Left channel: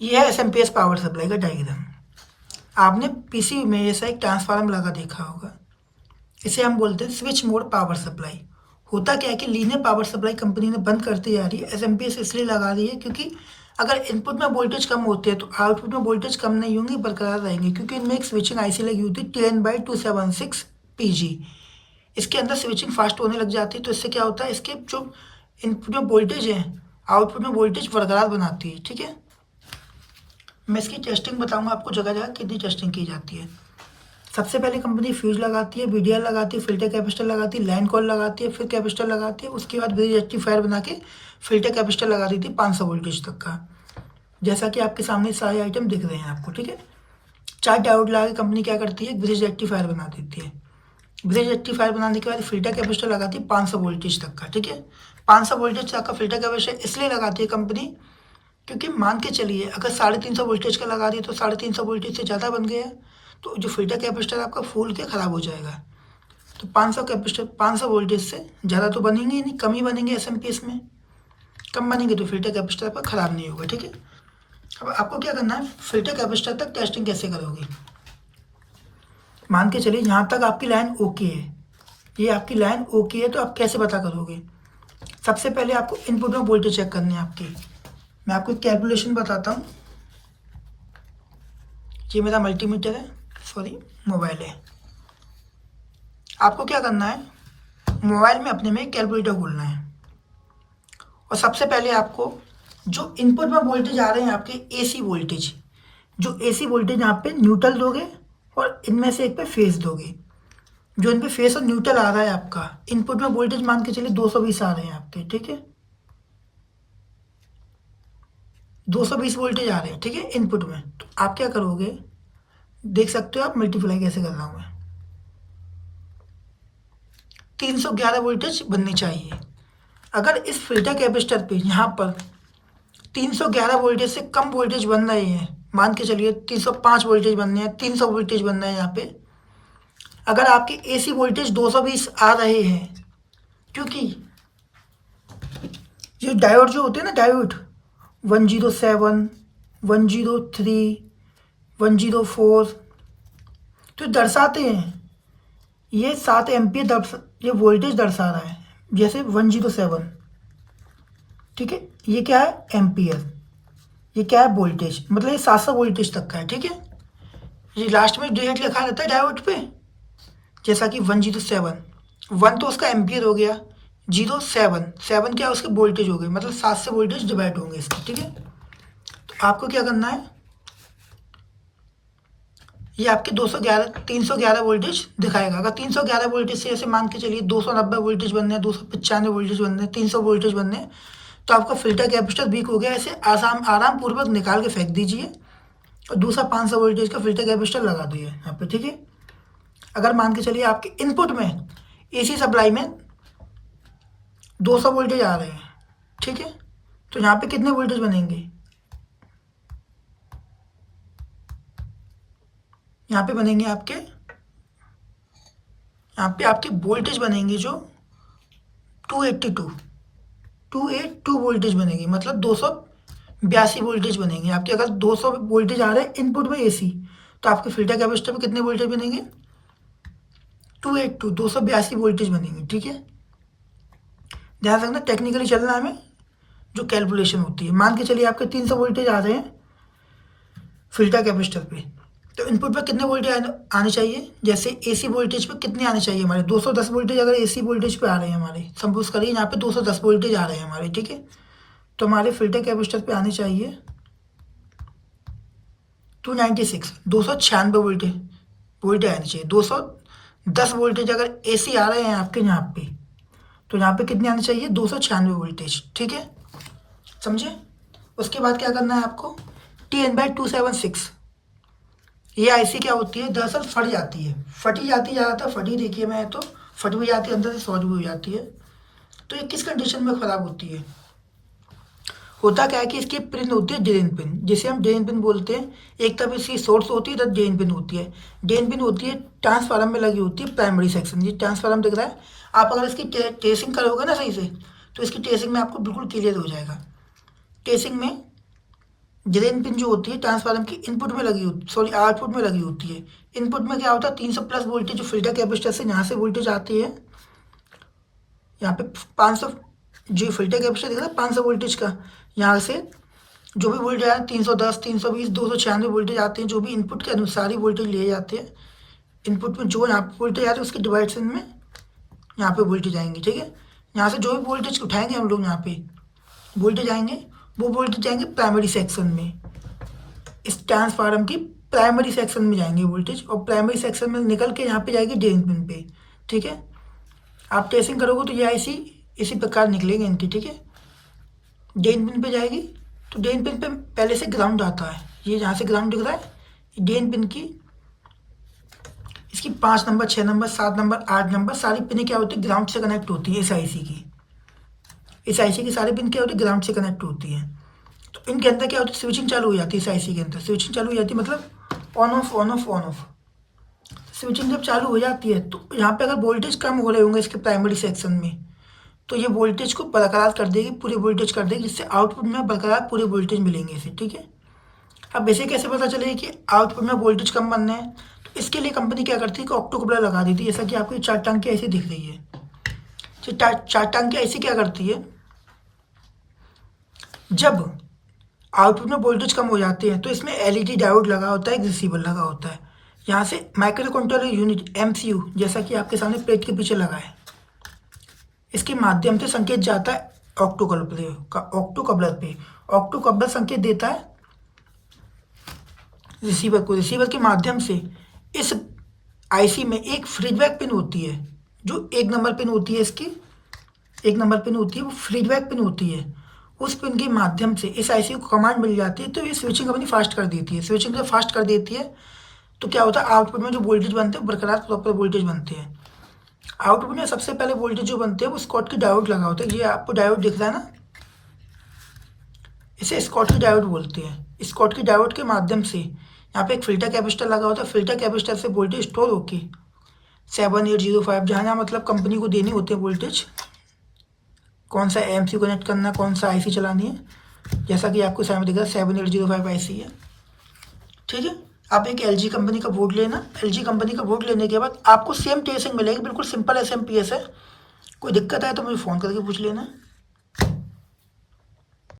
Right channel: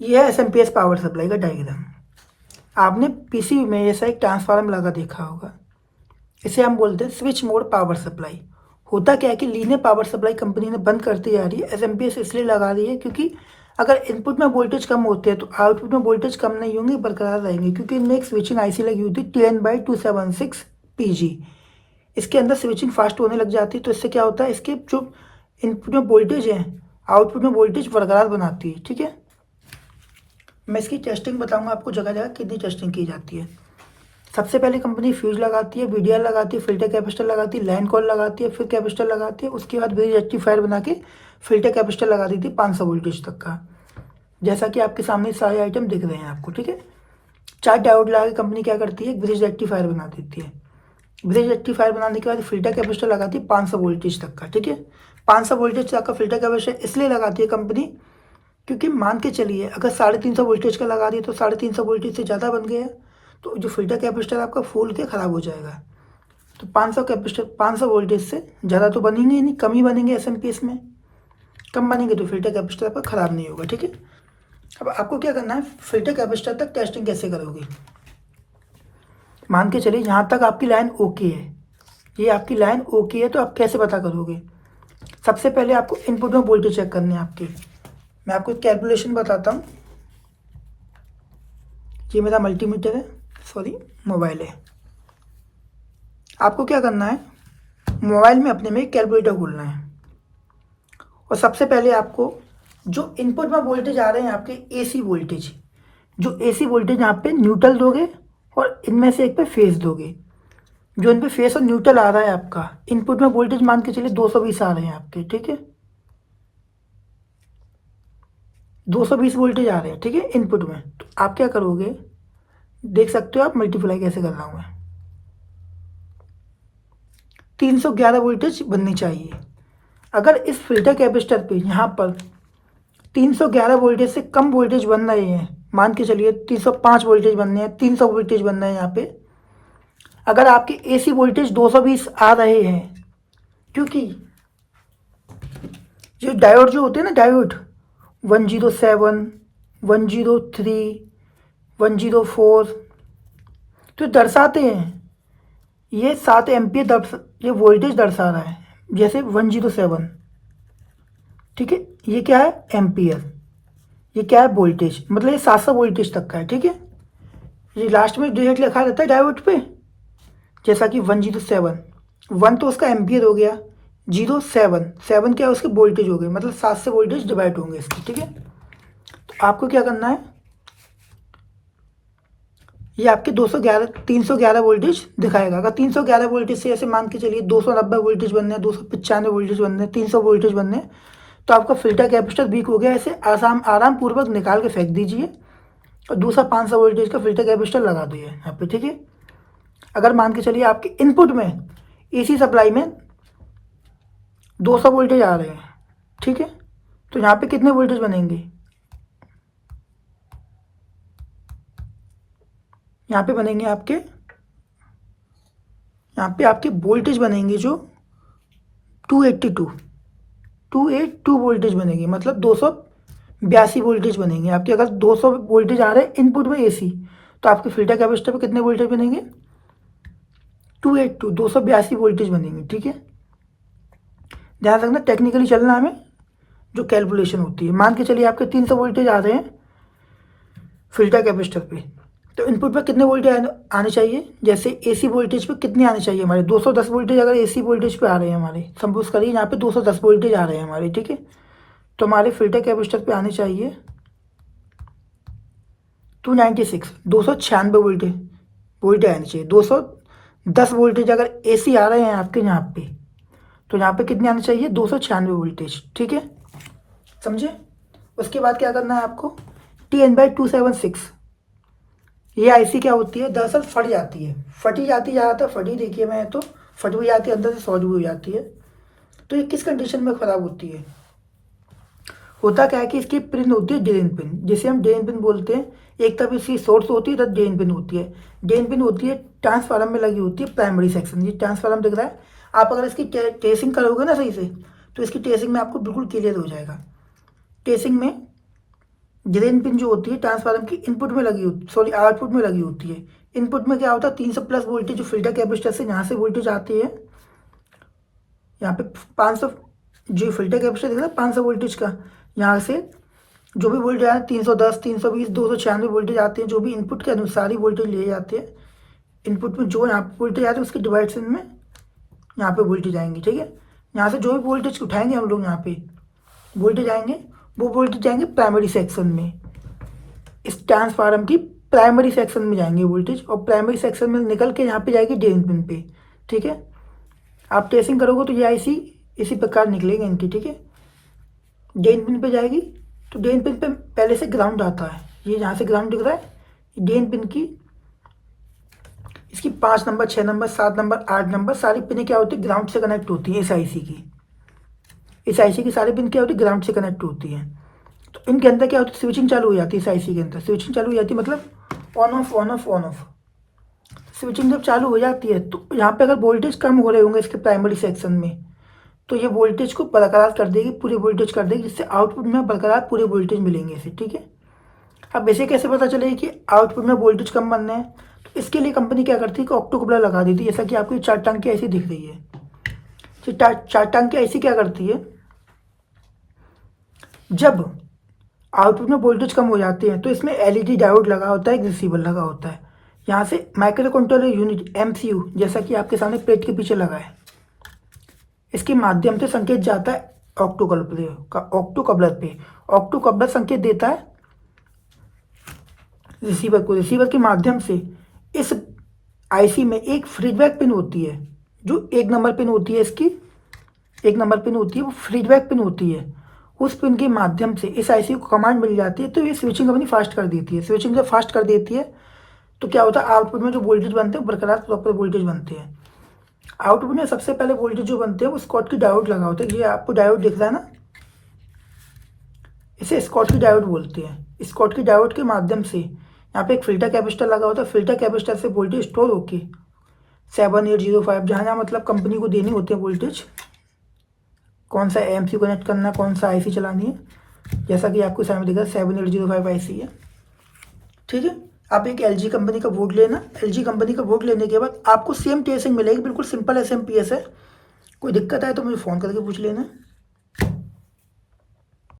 ये है SMPS power supply का डायग्राम। आपने पीसीबी में ऐसा एक ट्रांसफार्मर लगा देखा होगा, इसे हम बोलते हैं स्विच मोड पावर सप्लाई। होता क्या है कि लीनियर पावर सप्लाई कंपनी ने बंद करती जा रही है, एसएमपीएस इसलिए लगा रही है क्योंकि अगर इनपुट में वोल्टेज कम होते हैं तो आउटपुट में वोल्टेज कम नहीं होंगे, बरकरार रहेंगे, क्योंकि इनमें एक स्विचिंग आईसी लगी होती है TN/276 PG। इसके अंदर स्विचिंग फास्ट होने लग जाती है, तो इससे क्या होता है, इसके जो इनपुट में वोल्टेज है आउटपुट में वोल्टेज बरकरार बनाती है। ठीक है, मैं इसकी टेस्टिंग बताऊंगा आपको, जगह जगह कितनी टेस्टिंग की जाती है। सबसे पहले कंपनी फ्यूज लगाती है, वीडीआर लगाती है, फिल्टर कैपेसिटर लगाती है, लाइन कॉल लगाती है, फिर कैपेसिटर लगाती है, उसके बाद ब्रिज रेक्टिफायर बना के फिल्टर कैपेसिटर लगा देती है 500 वोल्टेज तक का, जैसा कि आपके सामने सारे आइटम दिख रहे हैं आपको। ठीक है, 4 डायोड लगा के कंपनी क्या करती है, ब्रिज रेक्टिफायर बना देती है। ब्रिज रेक्टिफायर बनाने के बाद फिल्टर कैपेसिटर लगाती है 500 वोल्टेज तक का। ठीक है, 500 वोल्टेज तक का फिल्टर कैपेसिटर इसलिए लगाती है कंपनी क्योंकि मान के चलिए अगर 350 वोल्टेज का लगा दिए तो 350 वोल्टेज से ज़्यादा बन गया, तो जो फिल्टर कैपेसिटर आपका फूल के ख़राब हो जाएगा। तो 500 कैपेसिटर 500 वोल्टेज से ज़्यादा तो बनेंगे ही नहीं, कम ही बनेंगे एसएमपीएस में। कम बनेंगे तो फिल्टर कैपेसिटर आपका ख़राब नहीं होगा। ठीक है, अब आपको क्या करना है, फिल्टर कैपेसिटर तक टेस्टिंग कैसे करोगे। मान के चलिए यहाँ तक आपकी लाइन ओके है, ये आपकी लाइन ओके है, तो आप कैसे पता करोगे। सबसे पहले आपको इनपुट में वोल्टेज चेक करनी है आपकी। मैं आपको एक कैलकुलेशन बताता हूँ। ये मेरा मल्टीमीटर है, सॉरी मोबाइल है। आपको क्या करना है, मोबाइल में अपने में एक कैलकुलेटर खोलना है, और सबसे पहले आपको जो इनपुट में वोल्टेज आ रहे हैं आपके एसी वोल्टेज, जो एसी वोल्टेज यहाँ पे न्यूट्रल दोगे और इनमें से एक पे फेस दोगे। जो इन पे फेस और न्यूट्रल आ रहा है आपका इनपुट में वोल्टेज, मान के चलिए 220 आ रहे हैं आपके। ठीक है, 220 वोल्टेज आ रहे हैं। ठीक है, इनपुट में, तो आप क्या करोगे, देख सकते हो आप मल्टीप्लाई कैसे कर रहा हूँ मैं। 311 वोल्टेज बननी चाहिए। अगर इस फिल्टर कैपेसिटर पे यहाँ पर 311 वोल्टेज से कम वोल्टेज बन रहे हैं, मान के चलिए 305 वोल्टेज बनने हैं, 300 वोल्टेज बनना है यहाँ पे, अगर आपके एसी वोल्टेज 220 आ रहे हैं, क्योंकि ये डायोड जो होते हैं ना, डायोड 107, 103, 104, तो दर्शाते हैं ये 7 एम्पियर ये वोल्टेज दर्शा रहा है, जैसे 107। ठीक है, ये क्या है एम्पियर, ये क्या है वोल्टेज, मतलब ये 700 वोल्टेज तक का है। ठीक है, ये लास्ट में डिजिट लिखा रहता है डायोड पे, जैसा कि 107, 1 तो उसका एम्पियर हो गया, 07, 7 क्या है उसके वोल्टेज हो गए, मतलब 7 से वोल्टेज डिवाइड होंगे इसके। ठीक है, तो आपको क्या करना है, ये आपके 311 वोल्टेज दिखाएगा। अगर 311 वोल्टेज से ऐसे मान के चलिए 290 वोल्टेज बनने हैं, 295 वोल्टेज बनने हैं, 300 वोल्टेज बनने हैं, तो आपका फिल्टर कैपेसिटर वीक हो गया। ऐसे आराम पूर्वक निकाल के फेंक दीजिए और दूसरा 500 वोल्टेज का फिल्टर कैपेसिटर लगा दीजिए यहाँ पे। ठीक है, अगर मान के चलिए आपके इनपुट में एसी सप्लाई में 200 वोल्टेज आ रहे हैं, ठीक है, तो यहाँ पे कितने वोल्टेज बनेंगे, यहाँ पे बनेंगे आपके, यहाँ पे आपके वोल्टेज बनेंगे जो 282 वोल्टेज बनेगी, मतलब 282 वोल्टेज बनेंगे आपके। अगर 200 वोल्टेज आ रहे हैं इनपुट में एसी, तो आपके फिल्टर कैपेसिटर पे कितने वोल्टेज बनेंगे, 282 वोल्टेज बनेंगे। ठीक है, ध्यान रखना टेक्निकली चलना हमें, जो कैलकुलेशन होती है। मान के चलिए आपके 300 वोल्टेज आ रहे हैं फिल्टर कैपेसिटर पे, तो इनपुट पर कितने वोल्टेज आने चाहिए, जैसे एसी वोल्टेज पे कितने आने चाहिए हमारे 210 वोल्टेज। अगर एसी वोल्टेज पे आ रहे हैं हमारे, सपोज करिए यहाँ पे 210 वोल्टेज आ रहे हैं हमारे, ठीक है, तो हमारे फिल्टर कैपेसिटर पे आने चाहिए 296 वोल्टेज आने चाहिए। 210 वोल्टेज अगर एसी आ रहे हैं आपके यहाँ पे, तो यहाँ पे कितने आने चाहिए, 296 वोल्टेज। ठीक है, समझे। उसके बाद क्या करना है आपको, TN/276, ये आईसी क्या होती है, दरअसल फट जाती है, फटी जाती ज़्यादातर, फटी देखिए मैं तो फट भी जाती है, अंदर से शॉर्ट भी हो जाती है। तो ये किस कंडीशन में ख़राब होती है, होता क्या है कि इसकी पिन होती है ड्रेन पिन, जिसे हम ड्रेन पिन बोलते हैं। एक तरफ इसकी सोर्स होती है, इधर ड्रेन पिन होती है। ड्रेन पिन होती है ट्रांसफार्मर में लगी होती है, प्राइमरी सेक्शन। ये ट्रांसफार्मर दिख रहा है, आप अगर इसकी ट्रेसिंग करोगे ना सही से, तो इसकी ट्रेसिंग में आपको बिल्कुल क्लियर हो जाएगा। ट्रेसिंग में ड्रेन पिन जो होती है ट्रांसफार्मर की इनपुट में लगी होती, सॉरी आउटपुट में लगी होती है। इनपुट में क्या होता है, 300 प्लस वोल्टेज जो फिल्टर कैपेसिटर से यहाँ से वोल्टेज आती है, यहाँ पे 500, जो फिल्टर कैपेसिटर दिख रहा है 500 वोल्टेज का, यहाँ से जो भी वोल्टेज आया 310, 320, 296 वोल्टेज आते हैं, जो भी इनपुट के अनुसार ही वोल्टेज लिए जाते हैं। इनपुट में जो यहाँ पे वोल्टेज आते हैं उसके डिवाइडेशन में यहाँ पे वोल्टेज आएंगे, ठीक है। यहाँ से जो भी वोल्टेज उठाएंगे हम लोग, यहाँ पे वोल्टेज आएंगे, वो वोल्टेज जाएंगे प्राइमरी सेक्शन में, इस ट्रांसफार्मर की प्राइमरी सेक्शन में जाएंगे वोल्टेज, और प्राइमरी सेक्शन में निकल के यहाँ पे जाएगी ड्रेन पिन पे, ठीक है। आप ट्रेसिंग करोगे तो ये आईसी इसी प्रकार निकलेंगे इनकी, ठीक है। ड्रेन पिन पे जाएगी तो ड्रेन पिन पे पहले से ग्राउंड आता है, ये यहाँ से ग्राउंड दिख रहा है, ड्रेन पिन की इसकी 5 नंबर, 6 नंबर, 7 नंबर, 8 नंबर सारी पिन क्या होती है, ग्राउंड से कनेक्ट होती है। इस आईसी की, इस आईसी की सारी पिन क्या होती है, ग्राउंड से कनेक्ट होती है। तो इनके अंदर क्या होती है, स्विचिंग चालू हो जाती है। इस आईसी के अंदर स्विचिंग चालू हो जाती है, मतलब on off on off on off. Switching जब चालू हो जाती है तो यहाँ पे अगर वोल्टेज कम हो रहे होंगे इसके प्राइमरी सेक्शन में, तो ये वोल्टेज को बरकरार कर देगी, पूरे वोल्टेज कर देगी, जिससे आउटपुट में बरकरार पूरे वोल्टेज मिलेंगे इसे, ठीक है। अब इसे कैसे पता चलेगा कि आउटपुट में वोल्टेज कम बनना है, तो इसके लिए कंपनी क्या करती है कि ऑक्टो कपलर लगा देती है, जैसा कि आपकी 4 टांग की ऐसी दिख रही है। तो 4 टांग की ऐसी क्या करती है, जब आउटपुट में वोल्टेज कम हो जाते हैं तो इसमें एलईडी डायोड लगा होता है, एक रिसीवर लगा होता है। यहाँ से माइक्रो कंट्रोलर यूनिट एमसीयू, जैसा कि आपके सामने प्लेट के पीछे लगा है, इसके माध्यम से संकेत जाता है ऑक्टो कपलर पे। ऑक्टो कपलर संकेत देता है रिसीवर को, रिसीवर के माध्यम से इस आईसी में एक फीडबैक पिन होती है, जो 1 नंबर पिन होती है इसकी, 1 नंबर पिन होती है, वो फीडबैक पिन होती है। उस पिन के माध्यम से इस आईसी को कमांड मिल जाती है, तो ये स्विचिंग अपनी फास्ट कर देती है। स्विचिंग जब फास्ट कर देती है तो क्या होता है, आउटपुट में जो वोल्टेज बनते हैं बरकरार प्रॉपर वोल्टेज बनते हैं। आउटपुट में सबसे पहले वोल्टेज जो बनते हैं वो स्कॉट की डायोड लगा होता है, ये आपको डायोड दिख रहा है ना, इसे स्कॉट की डायोड बोलते हैं। स्कॉट की डायोड के माध्यम से यहाँ पे एक फिल्टर कैपेसिटर लगा होता है, फिल्टर कैपेसिटर से वोल्टेज स्टोर होके 7805, जहाँ जहाँ मतलब कंपनी को देनी होती है वोल्टेज, कौन सा एमसीयू कनेक्ट करना, कौन सा आईसी चलानी है, जैसा कि आपको सामने दिख रहा है 7805 आईसी है, ठीक है। आप एक एलजी कंपनी का बोर्ड लेना, एलजी कंपनी का बोर्ड लेने के बाद आपको सेम ट्रेसिंग मिलेगी, बिल्कुल सिंपल एसएमपीएस है। कोई दिक्कत है तो मुझे फ़ोन करके पूछ लेना।